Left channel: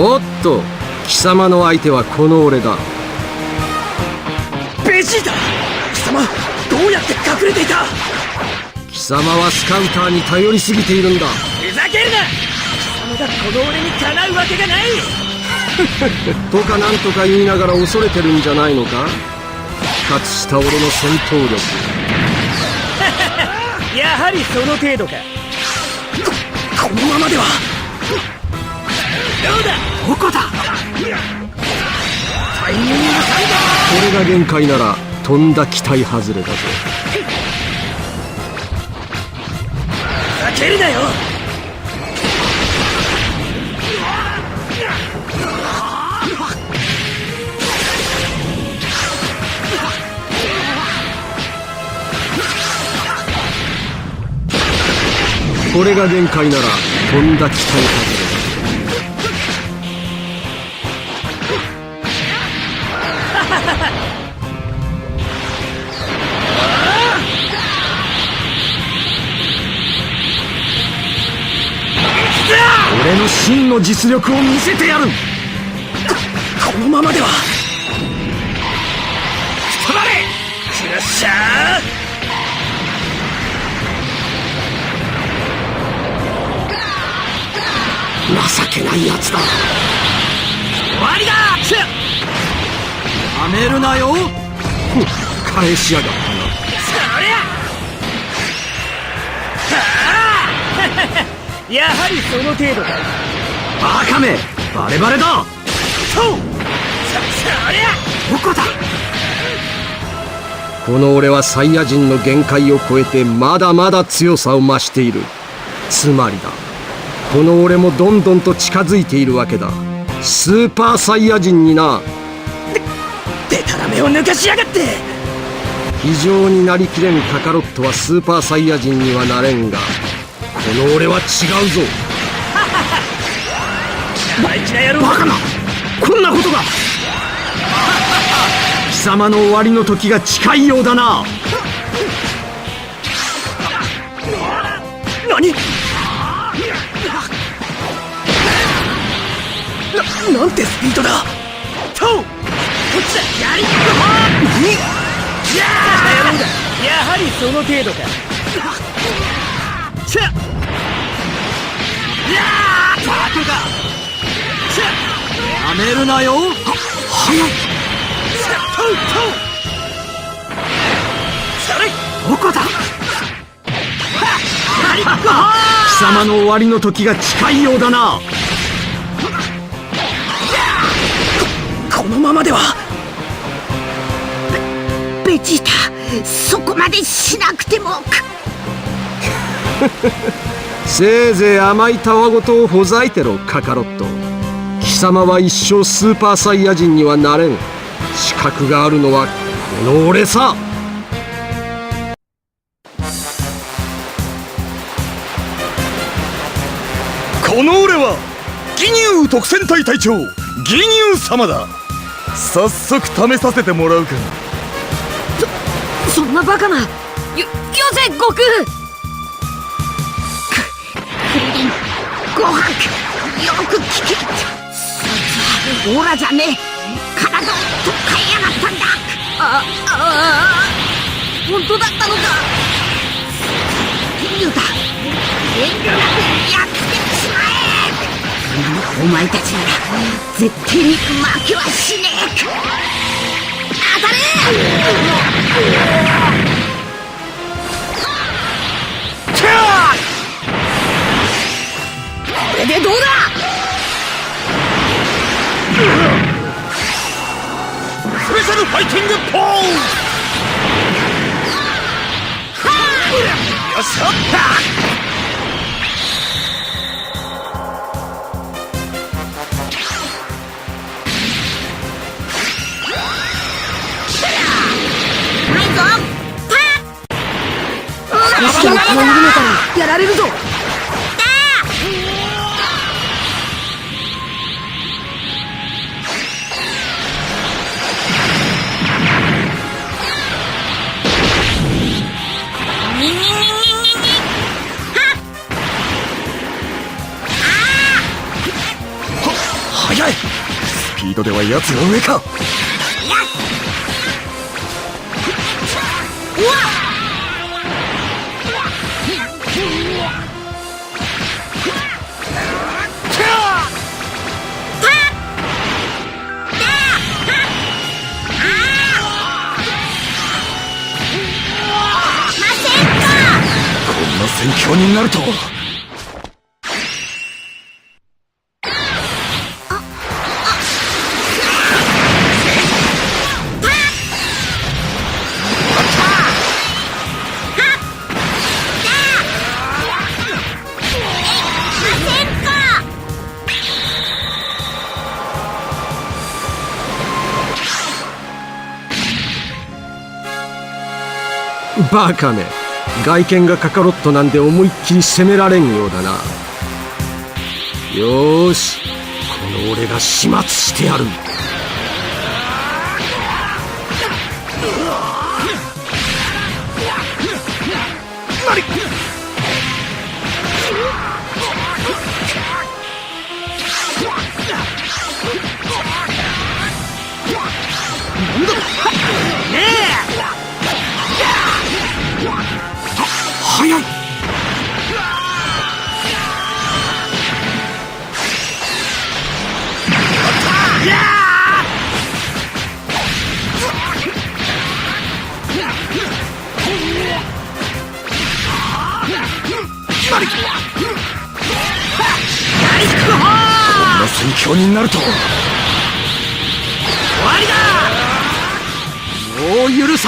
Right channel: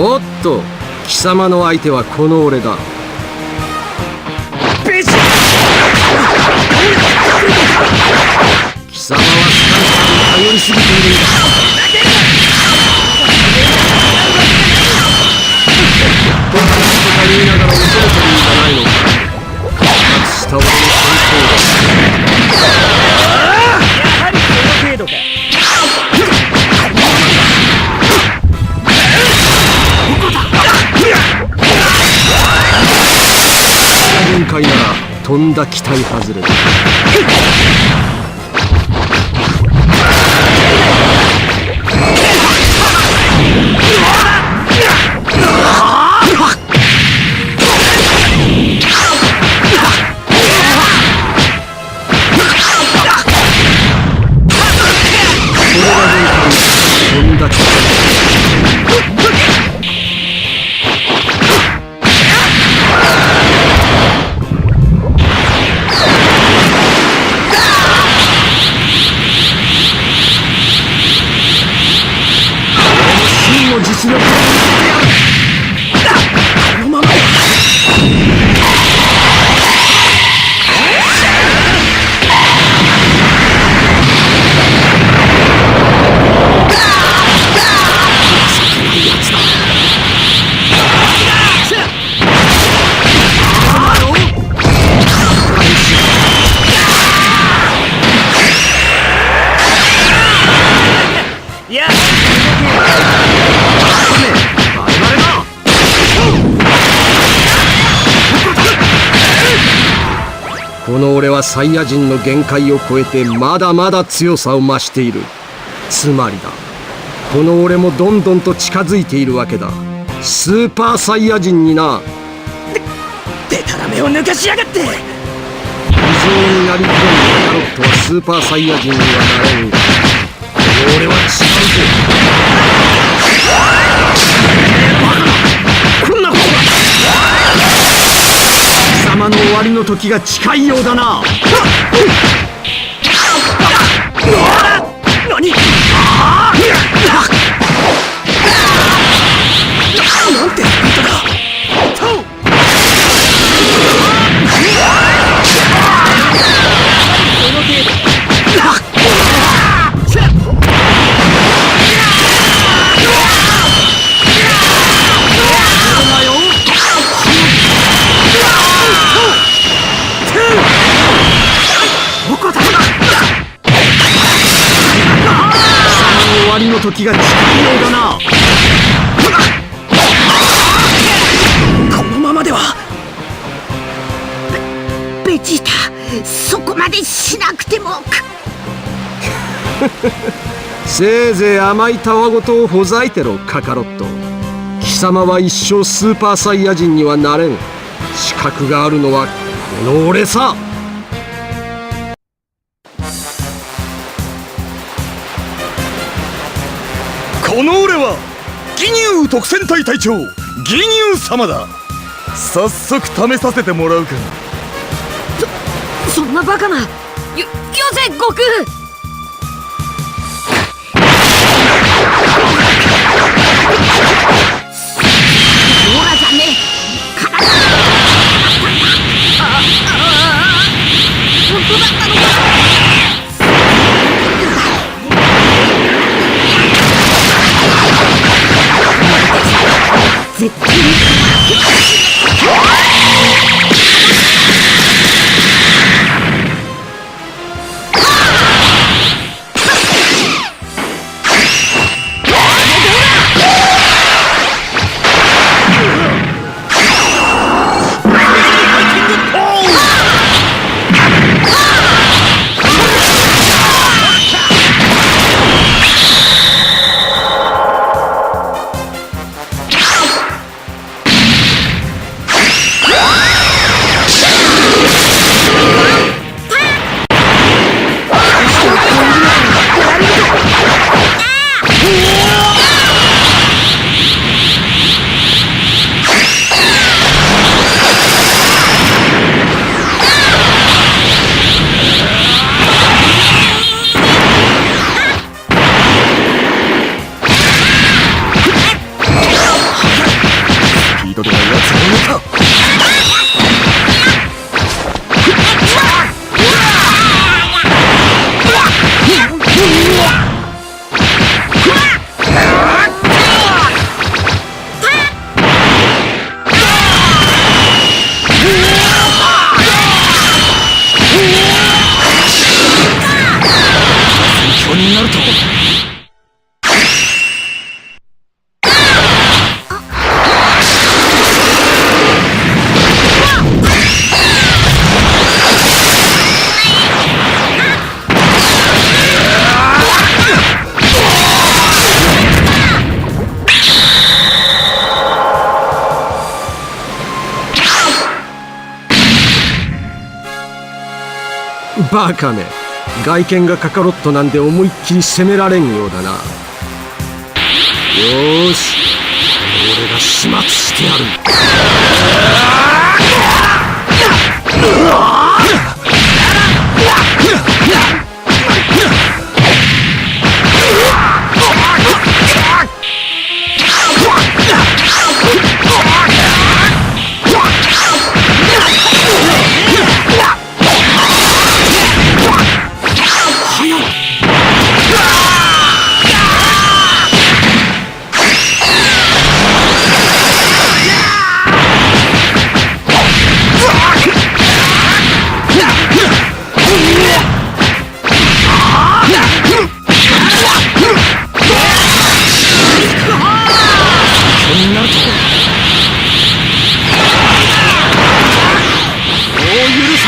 おっと貴様の相手はこの俺だ。ベジ貴様どうやって隠れていた？貴様はスカウターに頼りすぎているんだ。ふざけるな！まだこの俺にかなうわけがない！とかなんとか言いながら恐れてるんじゃないのか？復活した俺の戦闘です やはりその程度か。ここのままではどこだ？これが限界ならとんだ期待外れだ負けるなよ！これが限界ならとんだ期待外の実力を見せてやる。このままでは。止まれよっしゃー情けないやつだ。終わりだやめるなよ。返しやがる。やはりその程度。カめバレバレだ。どこだ？この俺はサイヤ人の限界を超えてまだまだ強さを増している。つまりだ。この俺もどんどんと近づいているわけだ。スーパーサイヤ人にな。デタラメを抜かしやがって。非常になりきれんカカロットはスーパーサイヤ人にはなれんが。この俺は違うぞ大事な野郎バカな。こんなことが。貴様の終わりの時が近いようだな。何？ななんてスピードだ。とう。何？やはりその程度かるなよ。どこだ貴様の終わりの時が近い。ようだなこのままではベジータそこまでしなくてもせい。ぜい。甘い。たわごとをほざい。てろカカロット様は一生スーパーサイヤ人にはなれん。資格があるのはこの俺さ。この俺は義乳特戦隊隊長義乳様だ。早速試させてもらうか。そんなバカなよよせ悟空悟空よく聞けオーラじゃねえ体を取っ換えやがったんだあああ本当だったのかユダ遠慮なくやってくれお前たちには絶対に負けはしねえ当たれこドでは奴が上か。戦況になると。バカめ外見がカカロットなんで思いっきり攻められんようだな。よしこの俺が始末してやる。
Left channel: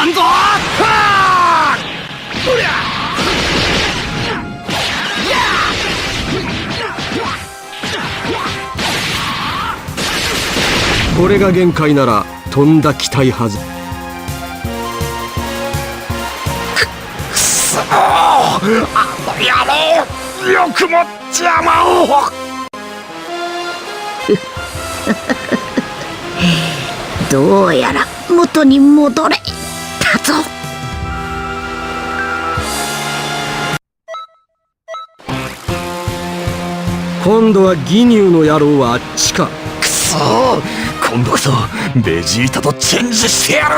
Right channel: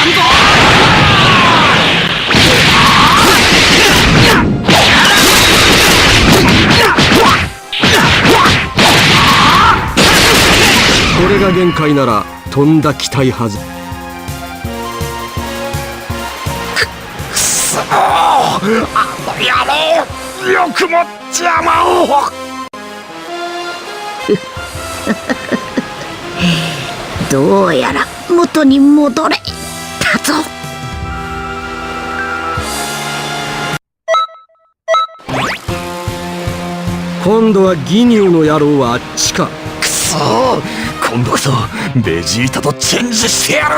さんぞこれが限界ならとんだ期待はず。よくも邪魔をどうやら元に戻れ。たぞ。今度は義乳の野郎はあっちか。くそ今度こそベジータとチェンジしてや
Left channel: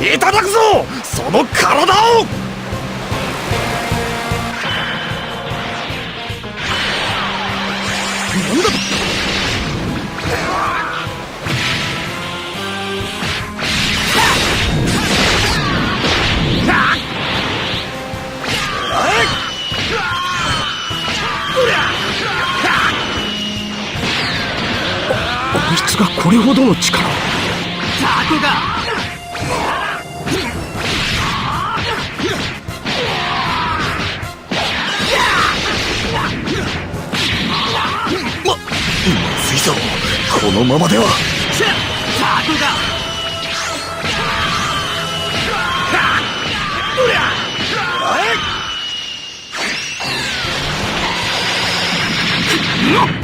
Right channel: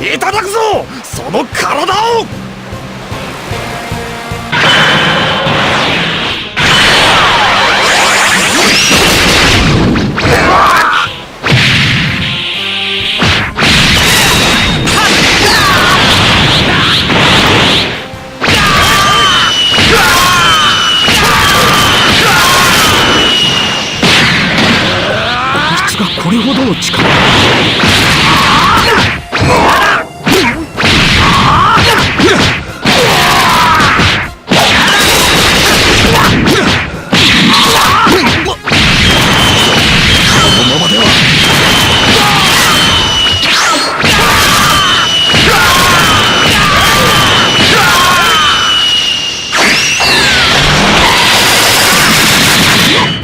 る。いただくぞ。その体をこれほどの力。このままでは。俺に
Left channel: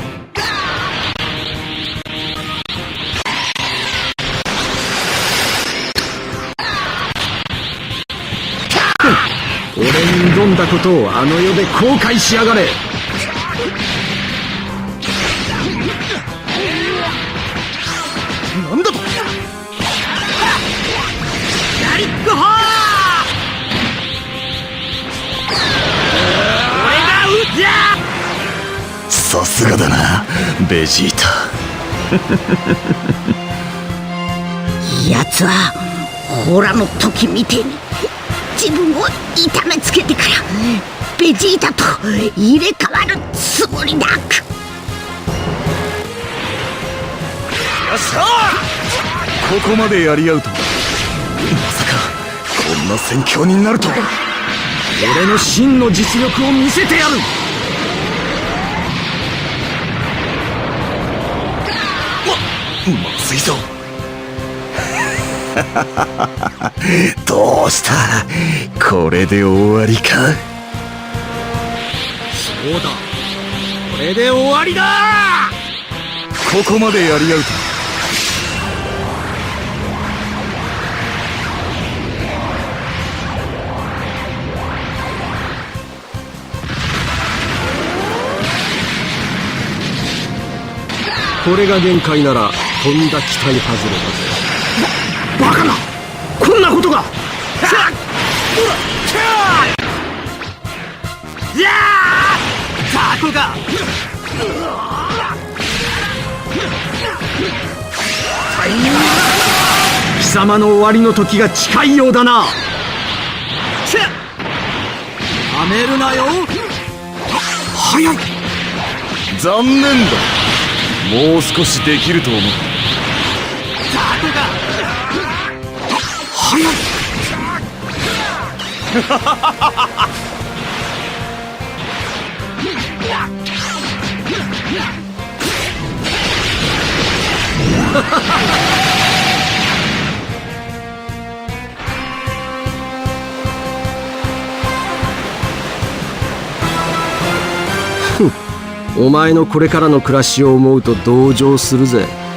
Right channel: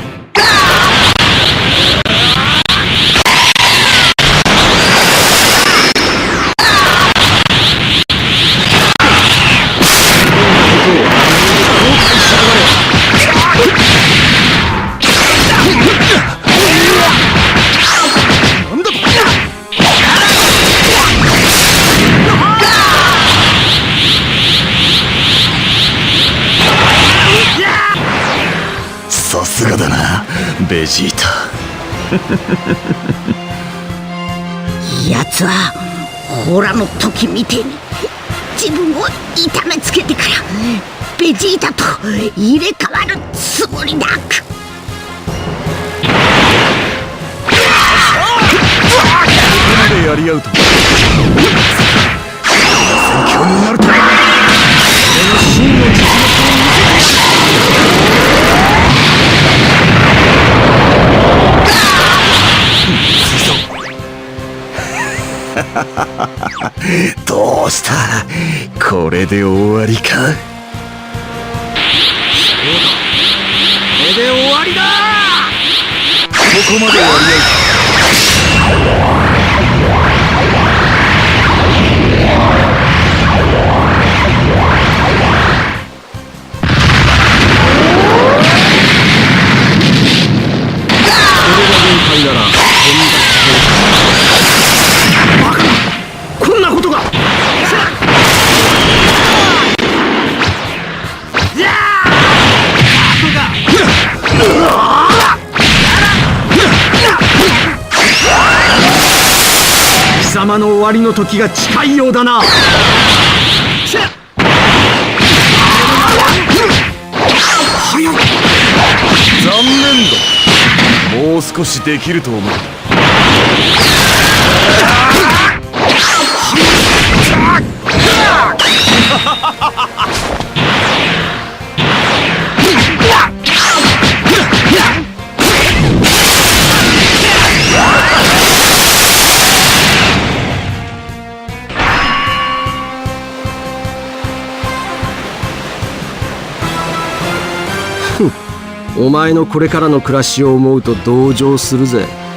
んだことをあの世で後悔しやがれ。なんだと。さすがだなベジータ。奴はホラの時みてえに自分を痛めつけてからベジータと入れ替わるつもりだここまでやり合うとまさかこんな戦況になるとは。俺の真の実力を見せてやる。まずいぞ どうした？これで終わりか？そうだ。これで終わりだ！ここまでやり合うと。これが限界ならとんだ期待はバカな。こんなことが。いやー雑魚が。貴様の終わりの時が近いようだな。しゃやめるなよ。早い残念だ。もう少しできると思った お前のこれからの暮らしを思うと同情するぜ。